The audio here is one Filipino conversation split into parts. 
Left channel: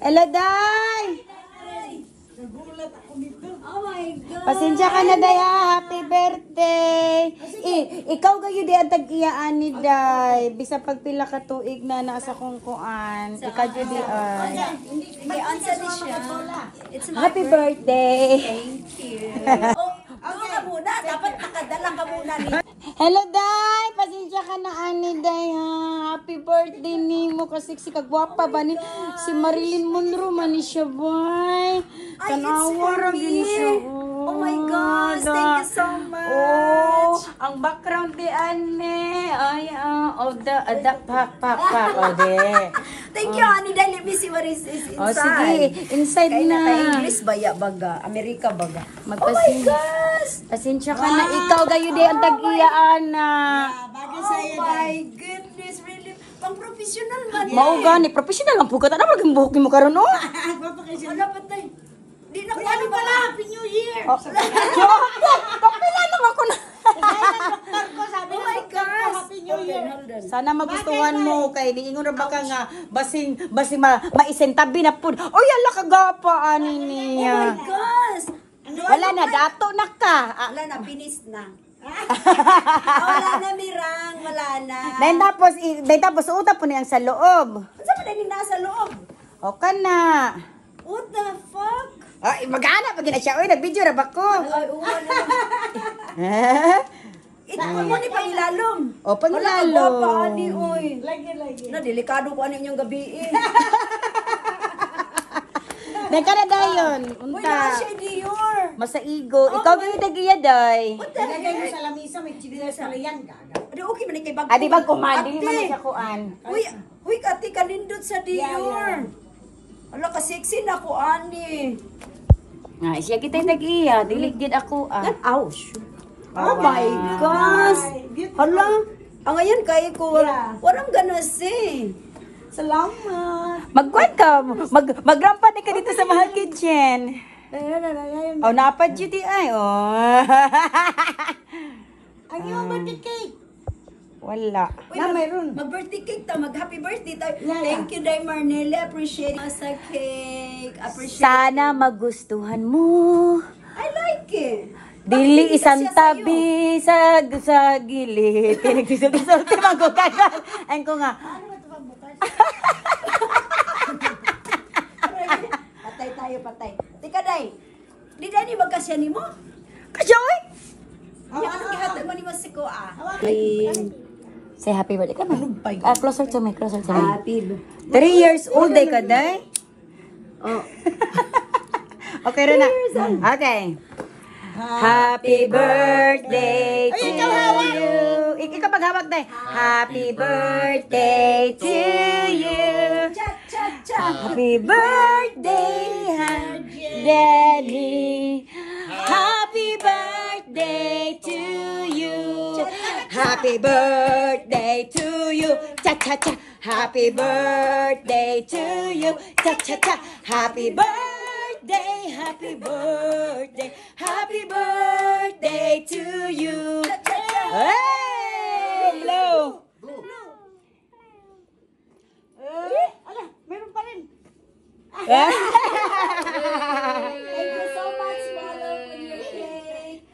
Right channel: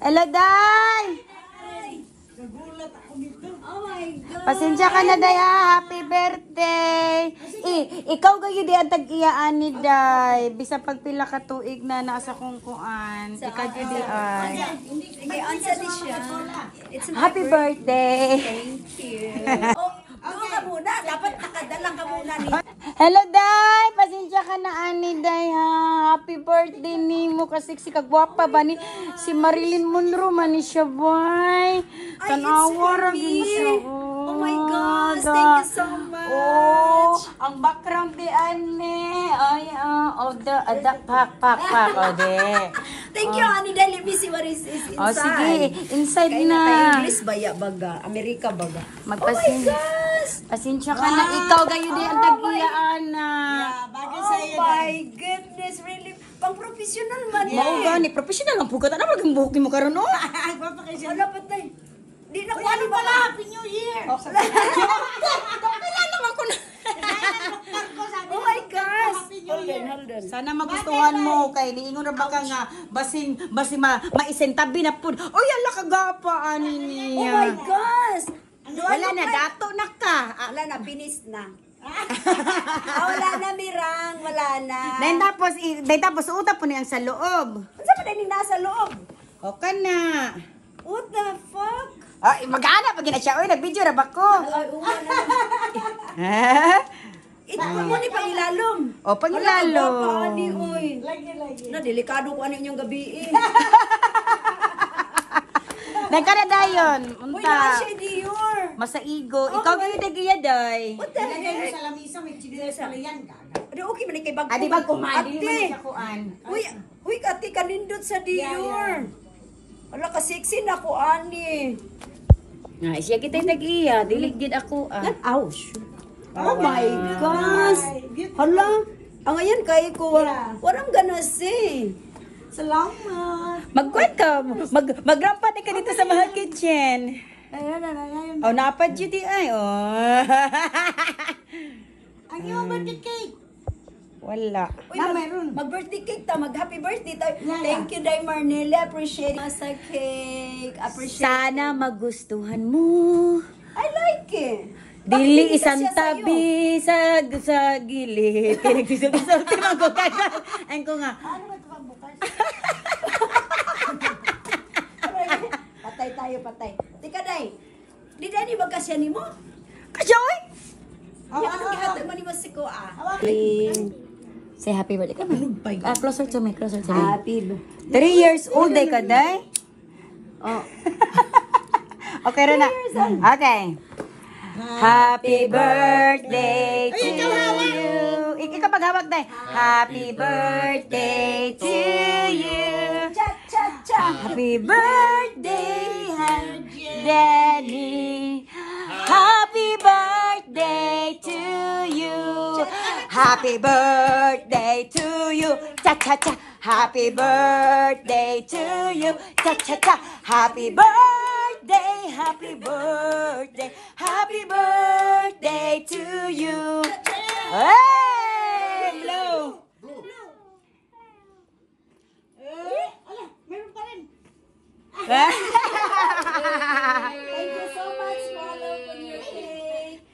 Hello, Day! Oh my God! Pasensya ka na, Day, ha? Happy birthday! Ikaw kayo di ang tag-iyaan ni Day. Bisa pagpila ka tuig na nasa kong kuan. Ikaw yun di ay. May answer din siya. Happy birthday! Thank you. Doon ka muna. Dapat nakadala ka muna ni. Hello, Day! Pasensya ka na, Ani, Day, ha? Happy birthday ni mo. Kasi si kagwapa ba ni si Marilyn Monroe man ni siya, boy. Ay, it's for me. Oh my gosh. Thank you so much. Oh, ang background ni Ani. Ay, pak. O, de. Thank you, Annie. Dahil let me see what is inside. O, sige. Inside Kaya na. English baya baga. Amerika baga. Oh my gosh. Pasensya ka na. Ikaw kayo di ang tag-iyaan na. Oh my goodness. Really. Pang professional man. Mao gani. Professional ang pugat. Ano maging buhok mo karon no? Wala pa tayo. Di na ko ani pala. Happy New Year. Kapila naman ko na. Oh my gosh. Hold on. Sana magustuhan mo kay diingon ra baka nga basing maisentabi na pud. Oy ala kagapa ani Oh niya. my gosh. Wala na dato na ka. Wala na, binis na. Wala na, Mirang. Wala na. Dahil tapos uta po niyang sa loob. Ano ba din nasa loob? O ka na. What the fuck? Ay, mag-ana pag siya. Uy, nag-video ra ba ko? Ay, uwa na. Ito mo ni pangilalom. O, pangilalom. Wala ka ba, Ani, oy. Na, delikado ko ano yung gabi eh. Nagkana dayon. Uy, Unta. na siya, Dior. Masaigo. Ikaw gyud nagiya day. What the heck? Sa lamisa, may chigilesa na yan. Adi, okay man kay bag. Adi ba kuman? Dili man Ate. siya kuan. Uy, ate, kanindot sa Dior. Wala ka sexy na ko, Ani. Nga, siya kita'y nag-iya. Dili gid ako Ouch. Oh my gosh. Hala. Ang ngayon kaya ko. Walang ganas eh. Salamat. Magkuan ka. Magrampa din ka dito sa Mahal Kitchen. Oh, napad yun di ay. Oh. Ang iyong birthday cake. Wala. Uy, mag-birthday cake ta. Mag-happy birthday tayo. Thank you, Day Marnelle. Appreciate it. Sa cake. Appreciate Sana magustuhan mo. I like it. Dili isang tabi sa gilid. Pinagsisulti magkukagal. Ayun ko nga. Patay tayo, patay. Tika, Day. Di Day, magkasya ni mo? Kasya, oy! Ano gihatag mo ni mo si ko, Say happy birthday. Come on. Closer to me, closer to me. Happy 3 years old day ka, Day? Oh. Okay, Rana. Okay. Happy birthday to you. Ikaw paghawak, Day. Happy birthday to you. Cha-cha-cha. Happy birthday, Daddy. Happy birthday to you. Happy birthday to you. Cha-cha-cha. Happy birthday to you. Cha-cha-cha. Happy birthday. Happy birthday. Happy birthday to you. Hey! Blow. Ala, meron pa rin. Ah! Thank you so much, Lolo, for your cake.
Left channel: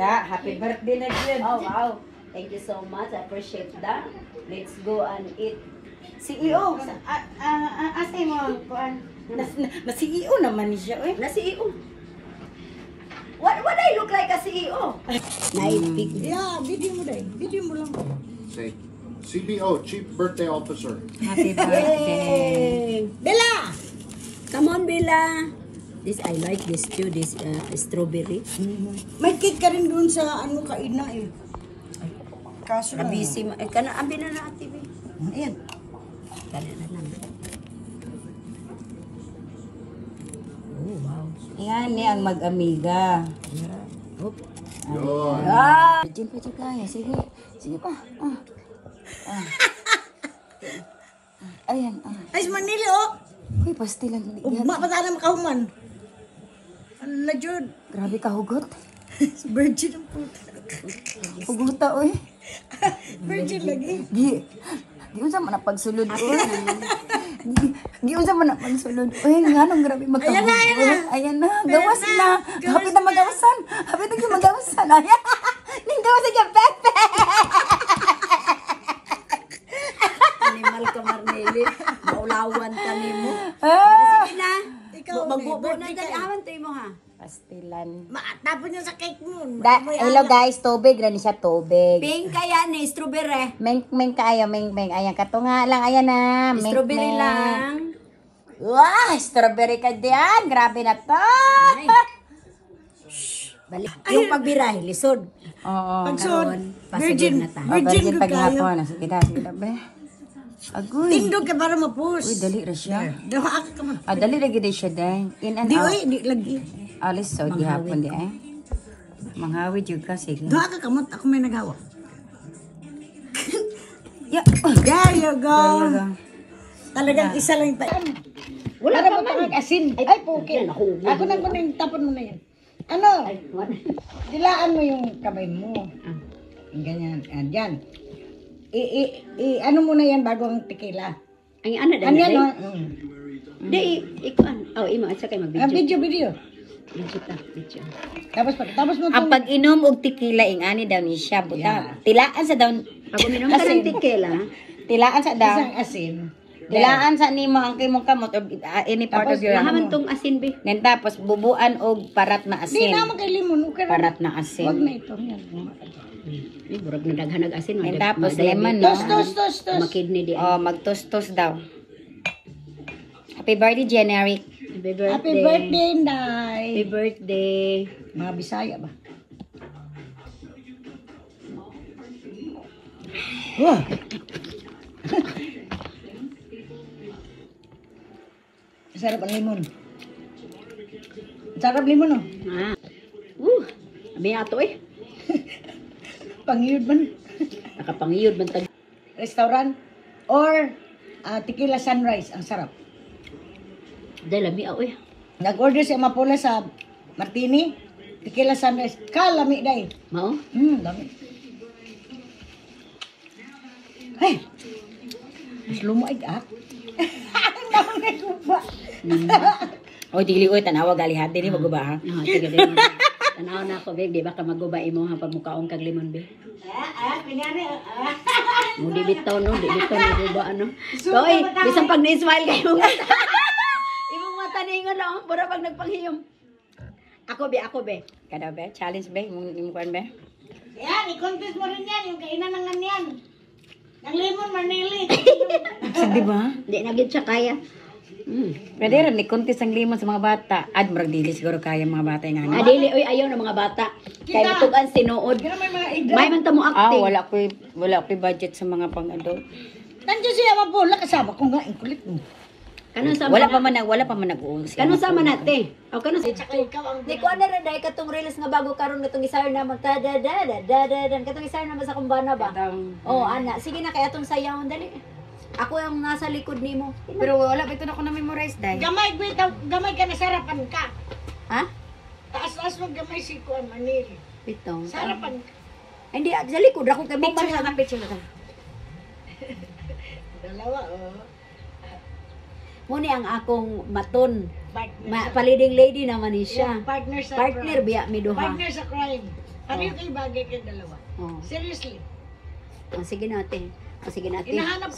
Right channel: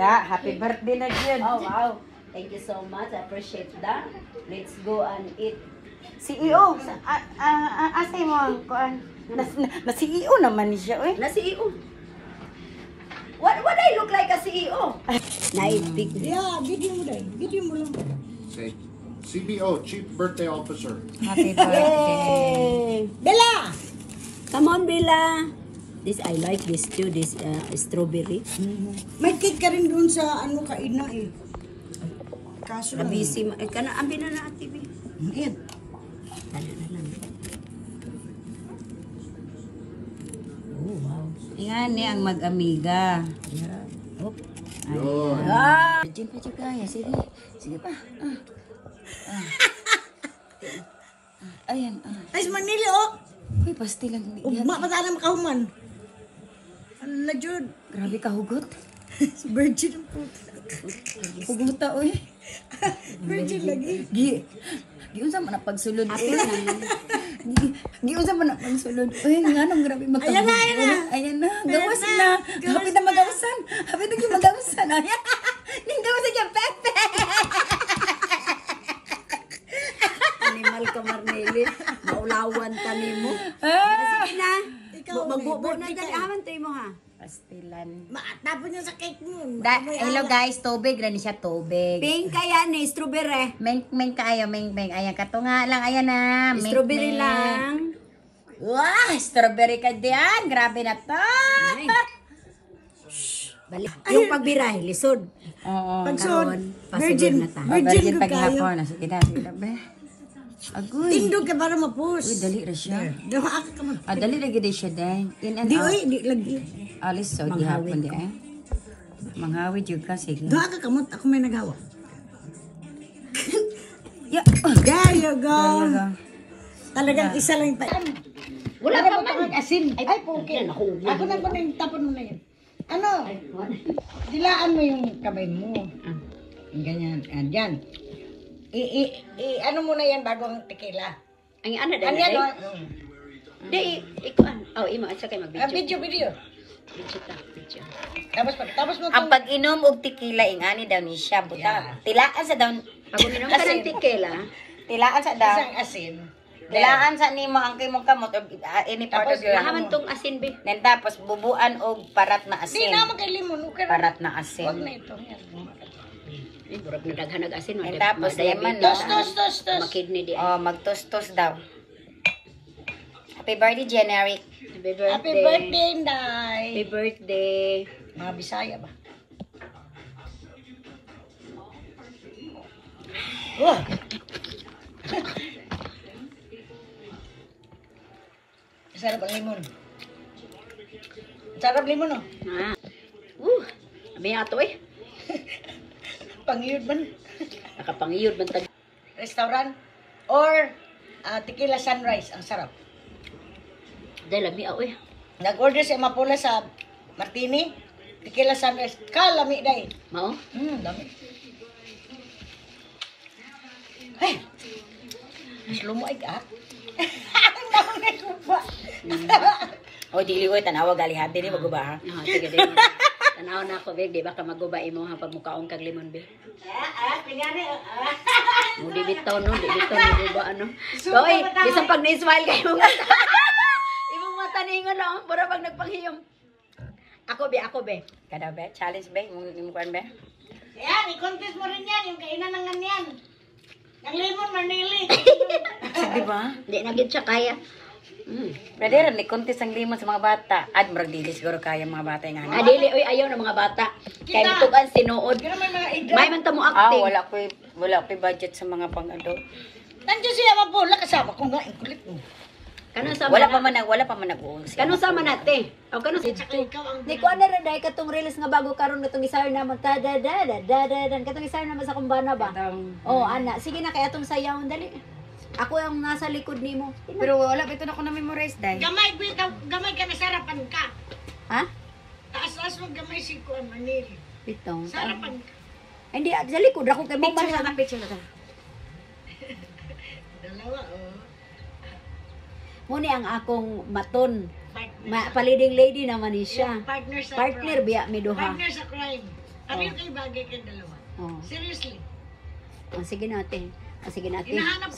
Happy birthday na dyan. Oh, wow. Thank you so much. I appreciate that. Let's go and eat. CEO. Asay mo. Na CEO naman siya. Na CEO. What I look like a CEO? Naibig. Yeah, video mo dahil. Video mo lang. Say, CBO, Chief Birthday Officer. Happy birthday. Bella! Come on, Bella. This I like this too. This strawberry. May cake ka rin doon sa ano kaina eh. Kaso na. Busy. Kana ambi na na ate. Ayan. Kana na lang. Oh, wow. Yan ni ang mag-amiga. Oop. Yun. Ah! Diyan pa, diyan pa. Sige. Sige pa. Ayan. Ay, Manili oh! Uy, pasti lang. Ugma pa sana makahuman. Ano na Jud? Grabe ka hugot. Virgin ang puta. Huguta, uy. Virgin lagi. Gi. Giun sa man pagsulod, uy. Di usap mo na magsulod. Uy, nga nung grabe magkabuo. Ayan na. Gawas na. Hapit na magawasan. Hapit na magawasan. Ayan. Ning gawasan niya, Pepe. Animal ka, Marneli. Maulawan ka nimo. Ah. Sige na. Ikaw, Magbubo na birthday dali. ka. Aman tayo mo ha. Pastilan. Tapon niya sa cake mo. Hello guys, tubig. Rani siya tubig. Pink kaya ni strawberry. Meng kaayo, meng. Ayan, katunga lang. Ayan na. Meng, Strawberry meng. lang. Wah, strawberry ka diyan. Grabe na to. Ay. Balik. Yung pagbiray, lisod. Oo. Pagsod, Pasigod virgin, na ta. virgin ko kayo. paghapon. Sige na, be. Agoy. Tindog ka para mapus. Uy, dali ra siya. Dawa ka man. Ah, dali lagi day siya day. In and Di, out. oy, di lagi. Alis so di hapon di eh. Manghawid jud ka sige. Dawa ka kamot, ako may nagawa. Ya. There you go. Talaga. Talagang isa lang tayo. Wala na ba ito asin? Ay, pukin. Ako na ko na yung tapon mo na yan. Ano? Dilaan mo yung kamay mo. Ganyan. Yan. Ano mo na yan bago ang tequila. Ang ano Ano yan? dali. Oh? Di, ikaw an. Oh, imo at saka mag-video. Video. Video. Tapos mo Ang pag-inom og tequila ingani daw ni siya buta. Tilaan sa daw Ako minum ka ng tequila. tilaan sa daw. isang asin. Tilaan sa nimo ang kimong kamot or any part of your Naman tong asin be. Then tapos bubuan og parat na Di asin. naman kay limon. Parat na Wag asin. na ito. Yan. Ay, burag na daghan ng asin. Then tapos lemon no. Tos. Makidney di. Oh, magtustos daw. Happy birthday, Generic. Happy birthday, Nay. Happy birthday. Mga Bisaya ba? Oh. Sarap ang limon. Sarap limon, oh. Abi ato eh. Pangiyod man. Nakapangiyod man tag. Restaurant or Tequila Sunrise. Ang sarap. Dahil lami ako eh. Nag-order si Amapula sa Martini. Tequila Sunrise. Kalami, day. Mao? Dami. Hey! Mas lumuig, ah. Oy, dili oy tanawa gali habi ni maguba ha. Sige din. Tanaw na ako be, di ba ka maguba imo ha pag mukaon kag limon be. Mo di bitaw no, di bitaw no guba ano. So oy, bisan pag ni-smile kayo. Imong mata ningon no, para pag nagpanghiyom. Ako be. Kada be, challenge be, mo kan be. Yan, i-contest mo rin yan. Yung kainan ng ganyan. Ng limon, manili. Di ba? Di na gid siya kaya. Pwede rin, ni-contest ang limon sa mga bata. Ad, marag dili siguro kaya mga bata yung ano. Adili oy ayaw ng mga bata. Kay mitugan sinuod. Ganun may mga idol. May man ta mo acting. Wala ko budget sa mga pang-adult. Nandiyan siya Amapula. Kasama ko nga. Ang kulit mo. Kanang sa Wala pa man nag-uong siya. Kanang sama nate. O kanang sa Di ko na rin dahil katong reels nga bago karon katong isar na magka-da-da-da-da-da katong isar na sa kumbana ba? Oh, ana. Sige na kay atong sayawon dali. Ako yung nasa likod nimo. Pero wala pa ito na ko na-memorize dahil. Gamay ka na sarapan ka. Ha? Taas-taas mo gamay si Kuan Manili. Pitong. Sarapan ka. Hindi sa likod ako kay mo Picture na picture na. Dalawa, oh. Muni ang akong maton. Partner. Paliding lady naman ni siya. Partner sa Partner crime. biya mi duha. Partner sa crime. Sabi ko kayo bagay kayo dalawa. Oh. Seriously. Sige natin. Sige natin. Hinahanap